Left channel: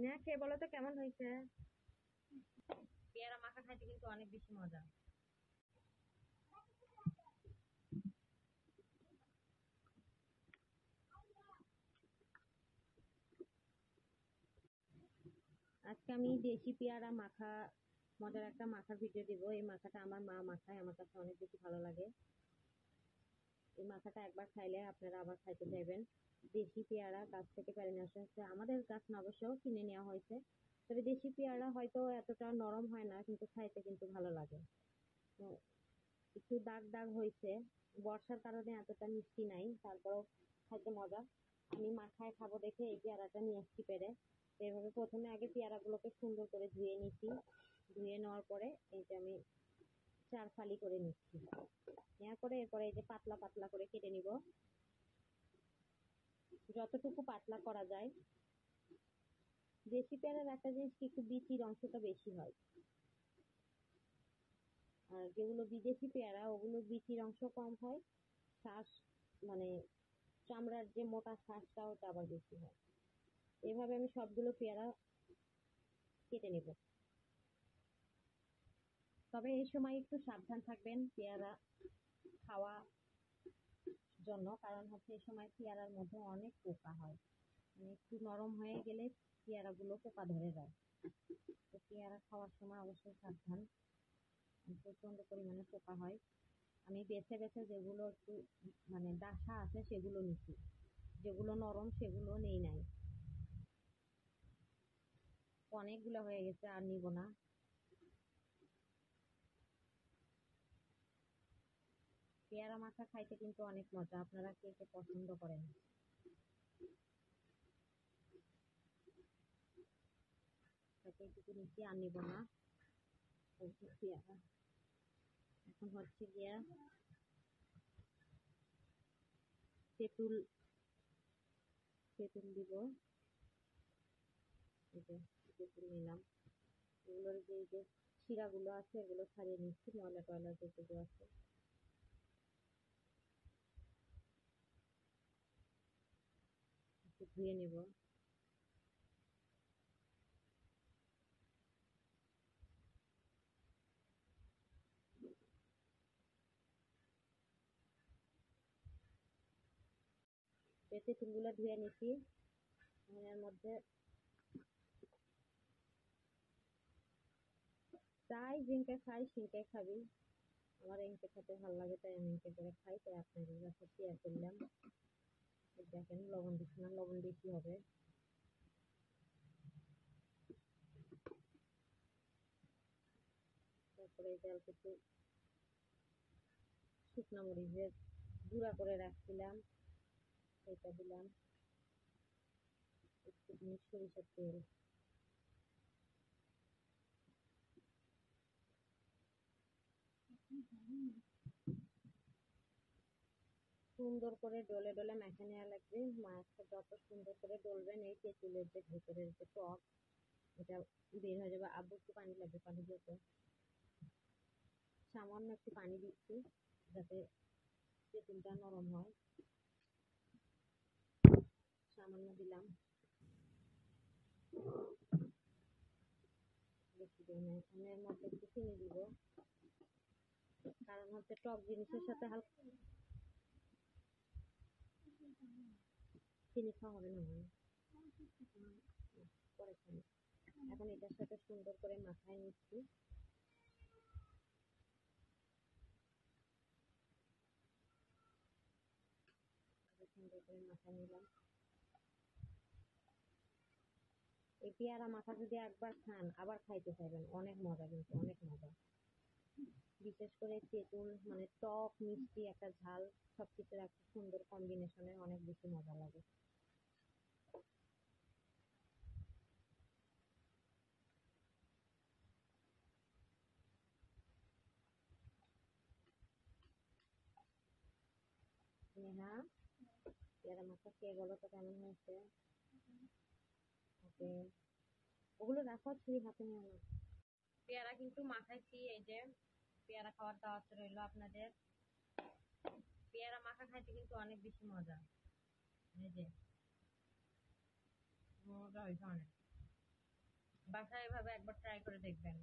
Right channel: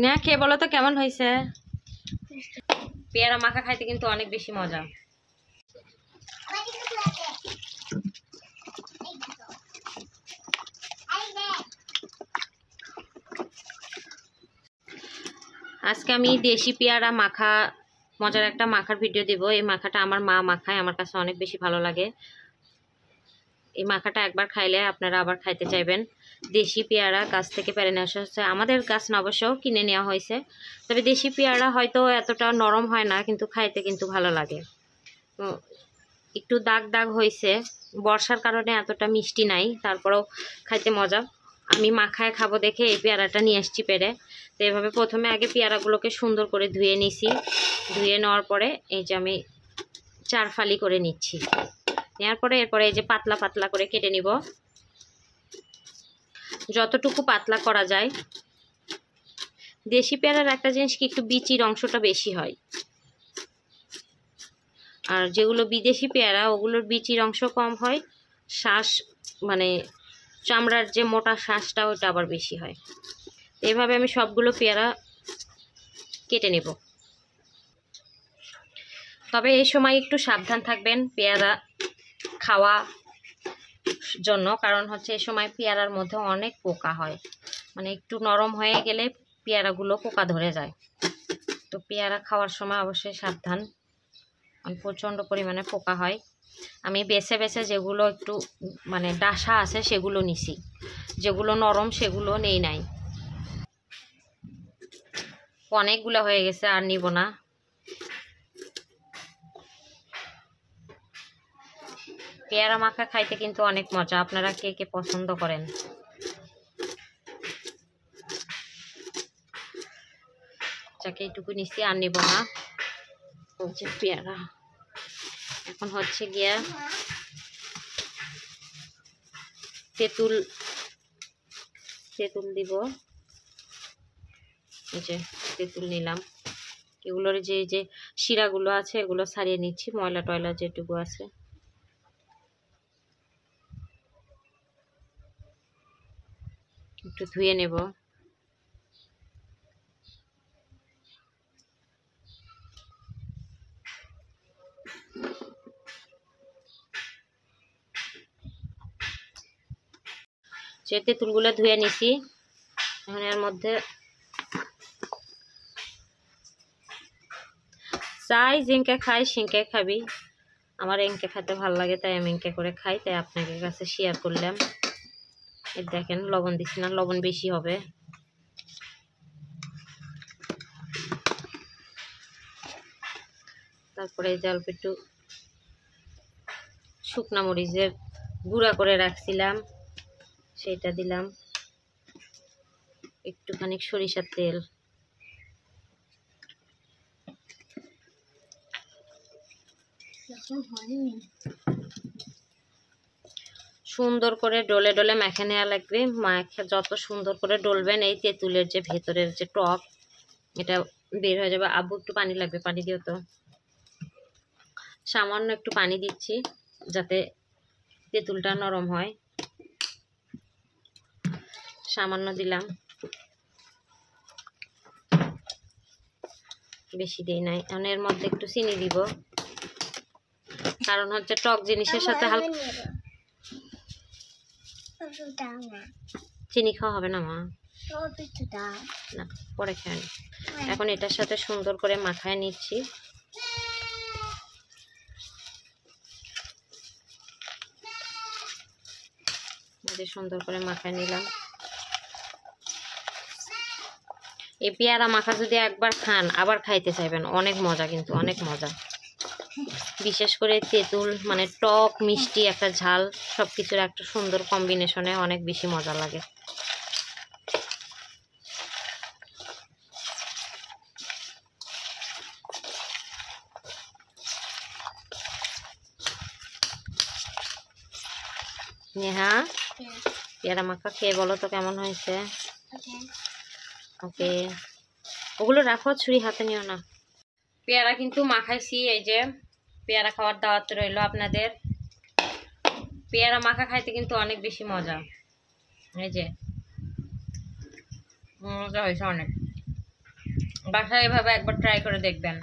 না খেয়ে বলো তো কেমন হয়েছে। পেয়ারা মাখা খাইতে কিন্তু অনেক বেশি মজা। আজকে আমি দেশি পেয়ারা মাখা মজার একটা মাখার ভিডিও দেব। এই মাখাটা আমার মা মাখায়, আমার কাছে অনেক বেশি ভালো লাগে। এই মাখাটা একবার খাইলে আপনারা আবার খাইতে চাইবেন। দেশি পেয়ারা গাছ থেকে পেরে নেওয়া হচ্ছে, আমাদের গাছ না অবশ্য কিনে নেওয়া হয়েছে। তবে দেশি পেয়ারা হয়তো এতটা নরম হয় না, কিন্তু খাইতে কিন্তু ভালো লাগে। একটু দাগ দাগ হয়েছে, বর্ষার কারণে এতটা মিষ্টি নাই, তারপরেও খাইতে মজা। আমি মাখায় খাবো দেখে এই পেয়ারাটা নিয়ে আসছি পেরে। তো এভাবে প্রথমে আগে পেয়ারাগুলোকে সুন্দর করে ধুয়ে নিছি। ধুয়ে নেওয়ার পরে এই যে আমি 4 ফালি করে নিচ্ছি। নেওয়ার পরে এরপরে এই যে পাতলা পাতলা করে কেটে নিব, যতটুকু পাতলা করা যায়। দেশি পেয়ারার একটা জিনিস কি, একটু বিচির অংশটা বেশি হয়, আর যেগুলো বিদেশি পেয়ারা ওগুলোর বিচির অংশ কম হয়, শ্বাস মানে চামড়ার যে মোটা শ্বাসটা ওটা আবার বেশি হয়। এইভাবে আমি সবগুলো পেয়ারা কেটে নেব। তবে এই সময় একটু সাবধান থাকবেন পেয়ারা খাওয়া জন্য, কারণ হচ্ছে এই সময় পেয়ারার মধ্যে অনেক পোকা হয়, মানে একটু নরম হয়ে গেলে পেয়ারাগুলো পোকা ধরে যায়। তো পেয়ারা খাওয়ার সময় অবশ্যই সাবধান, প্রচণ্ড পরিমাণে পোকা হয়। আমি বেছে বেছে যেগুলো একটু মানে ডাসা আছে সেগুলো নিছি, যেগুলো নরম সেগুলো নেই নাই। অনেকগুলো হয়ে গেছে, আর নিব না। পেয়ারা মাখা খাইতে কিন্তু অনেক মজা, আপনারা কে কে পছন্দ করেন। যাকে এইটুকু নিচ্ছি, আর নিব না। হচ্ছে পেয়ারা এখন হচ্ছে গিয়া তেঁতুল দিব। এই যে তেঁতুল নিলাম, এগুলোর যে যে শিরাগুলো আছে এগুলো ছাড়িয়ে নিচ্ছি, ময়লা টয়লা যেটুকু আছে। একটু ধুয়ে নেব। যে তেঁতুলগুলো ধুয়ে নিছি, এখন এর মধ্যে চাই জিঙ্কে খাই সিঙ্কে খাবি, আমার এঁকে খেতে ভালো লাগে তাই আমি এঁকে করে খাই, তাই আপনাদের কাছে শেয়ার করলাম। এই দেখেন লবণ দিচ্ছি না, লবণ বেশি হবে। তারপরে এই যে অল্প একটু শুকনা মরিচের গুঁড়া করে রাখছিলাম সেটা দিলাম, একটুখানি সরিষার তেল, সুন্দর করে ডলে ডলে মেখে নেওয়া লাগবে। মাখে যত সুন্দর করে ডলবেন এই তেঁতুলের যে ভেতরের যে টক এটা বের হয়ে যাবে। আব্বু একটু পানি লাগবে, পানি দিও তো। সামান্য একটু পানি দিচ্ছি যাতে তেঁতুলটা নরম হয়, সামান্য দিলাম, বেশি দিই নাই। এখন এর মধ্যে একটু চিনি দিব, কারণ হচ্ছে টক জিনিসের সাথে হালকা চিনি খাওয়া হবে না মা, না পরে খাই। এখন এটার সাথে সুন্দর করে মাখায় নিচ্ছি। সুন্দর করে মাখায় নিলাম। এই পেয়ারা মাখা যদি একবার খান আবার খাইতে চাইবেন, অনেক মজা, কিন্তু অনেক মজা। বিশেষ করে তেঁতুল মানে টক মিষ্টি একটা ঝাল সবকিছুর একটা সুন্দর কম্বিনেশনে অনেক বেশি মজা লাগে। নেহা পেয়ারা মাখা খেয়ে বলো তো কেমন হয়েছে। ওকে, ওগুলো রাখো, ছুরি হাতে নিও না। পেয়ারা কিন্তু মাখাইছি, এই যে পেয়ারা খাওয়ার দাওয়াত রইলো আপনাদের। পেয়ারা মাখা খাইতে কিন্তু অনেক বেশি মজা, এই যে মজা হয়েছে অনেক। বাসায় এভাবে একবার ট্রাই করে দেখবেন।